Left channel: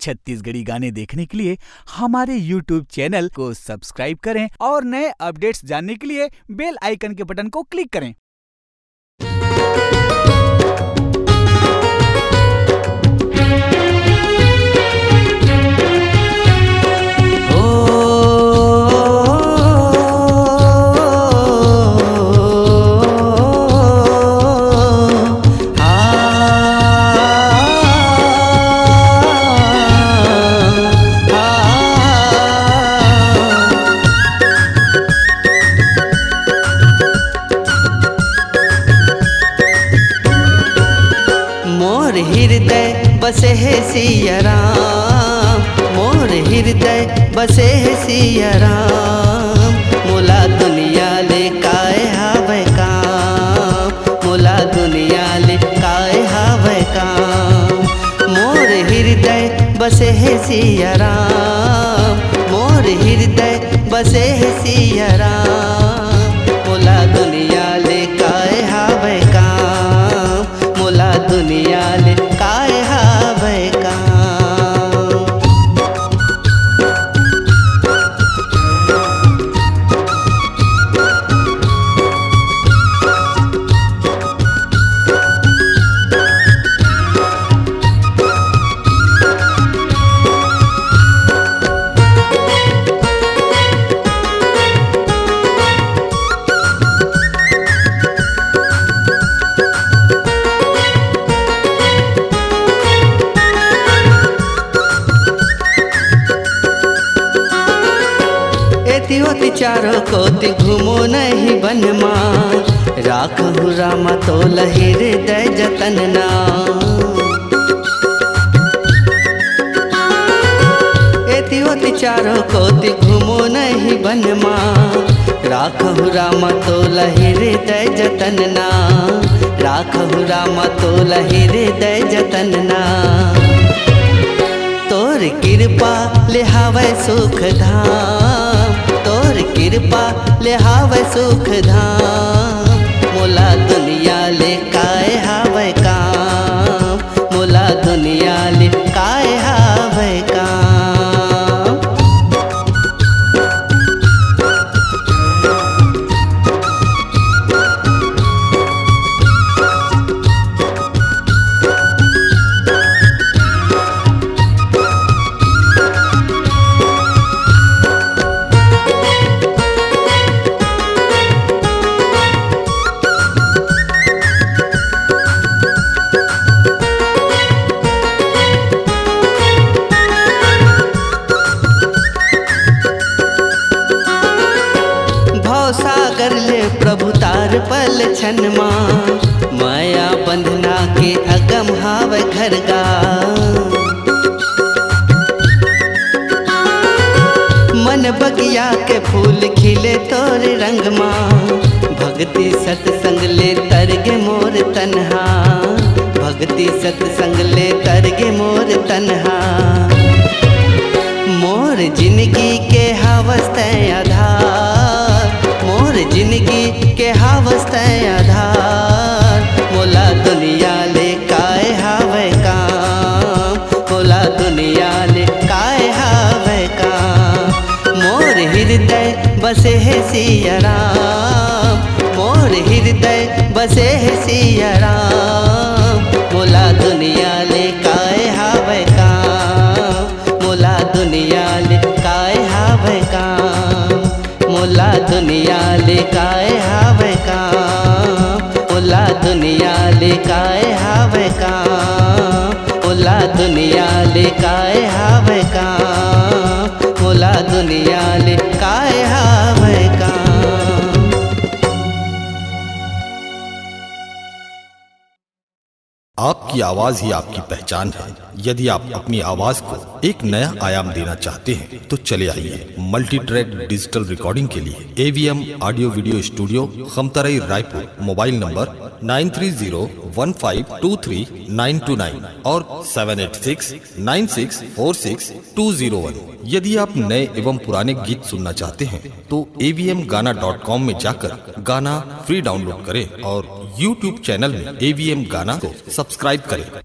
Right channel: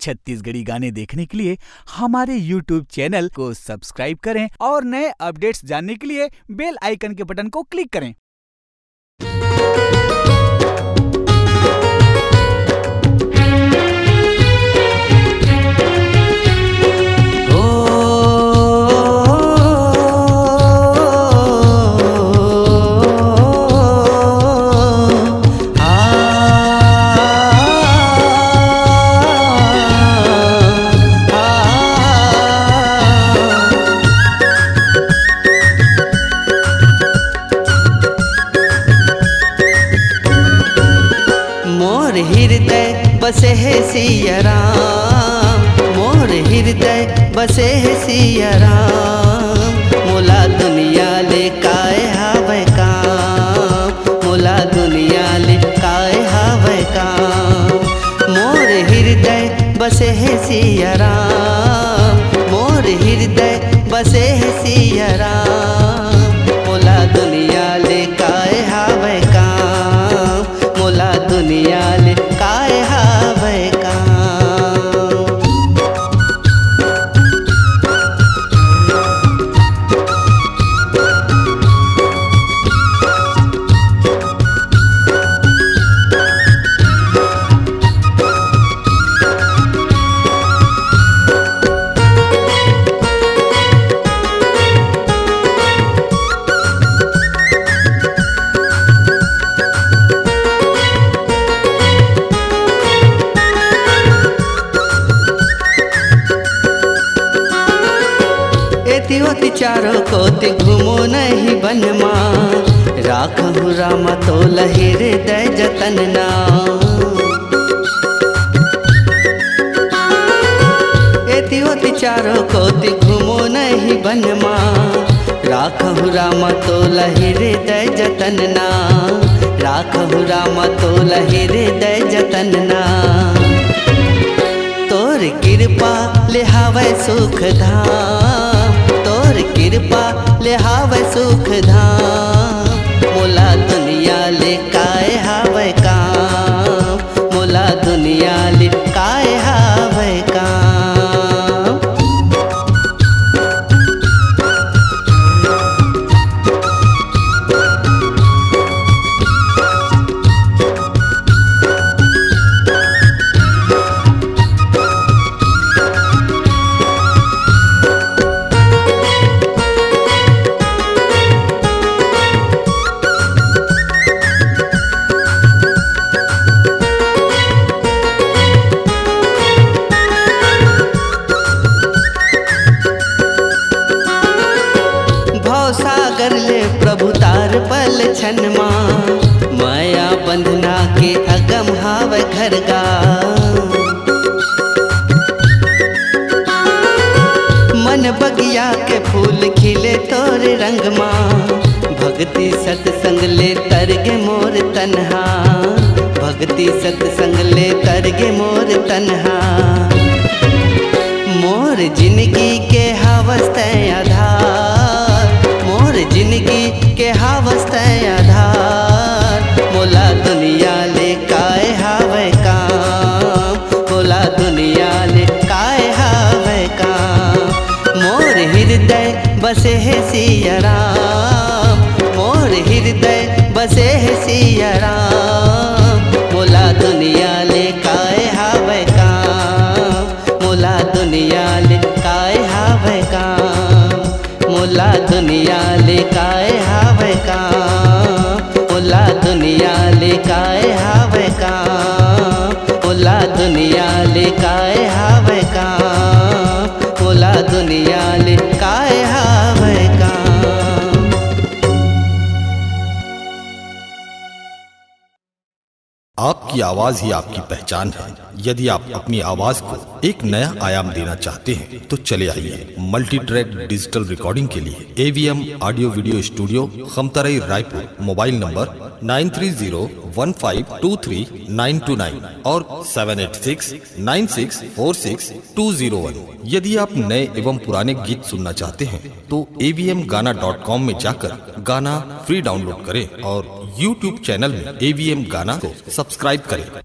छत्तीसगढ़ी गाने देखने के लिए हमारे YouTube चैनल को सब्सक्राइब करें और नए अपडेट्स जानने के लिए बेल आइकन के बटन को क्लिक करें। मोर हृदय बसे है सिया राम, मोर हृदय बसे है सिया राम। मोला दुनिया ले काय हावै काम, मोला दुनिया ले काय हावै काम। मोर हृदय बसे है सिया राम, मोर हृदय बसे है सिया राम। मोला दुनिया ले काय हावै काम, मोला दुनिया ले काय हावै काम। एति ओति चारों कोति घूमो नहीं बनमा, राखहु रामा तोल हृदय जतन ना। एति ओति चारों कोति घूमो नहीं बनमा, राखहु रामा तोल हृदय जतन ना, राखहु रामा तोल हृदय जतन ना। तोर कृपा ले हावै सुख धाम, तोर कृपा ले हावै सुख धाम। मोला दुनिया ले काय हावै काम, मोला दुनिया ले काय हावै काम। सागर ले प्रभु तार पल छन माँ, माया बंधना के अगम हावै घरगा। मन बगिया के फूल खिले तोरे रंग माँ, भक्ति सत्संग ले तरगे मोर तन्हा, भक्ति सत्संग ले तरगे मोर तन्हा। मोर जिंदगी के हावस्ते आधार, मोर जिंदगी के हावस्ते आधार। मोला दुनिया ले काय हावै काम, मोला दुनिया ले काय हावै काम। मोर हृदय बसे है सिया राम, मोर हृदय बसे है सिया राम। मोला दुनिया ले काय हावै काम, मोला दुनिया ले काय हावै काम। मोला दुनिया ले काय हावै काम, मोला दुनिया ले काय हावै काम। मोला दुनिया ले काय हावै काम, मोला दुनिया ले काय हावै काम। आपकी आवाज ही आपकी पहचान है। यदि आप अपनी आवाज को एक नया आयाम देना चाहते हैं तो चले आइए मल्टी ट्रैक डिजिटल रिकॉर्डिंग के लिए AVM audio video studio Khamtarai Raipur. Mobile number 9301523929 और 7869646201। यदि आप नए एवं पुराने गीत सुनना चाहते हैं तो avmgana.com में जाकर गाना फ्री डाउनलोड करें और YouTube चैनल में AVM गाना को सब्सक्राइब करें।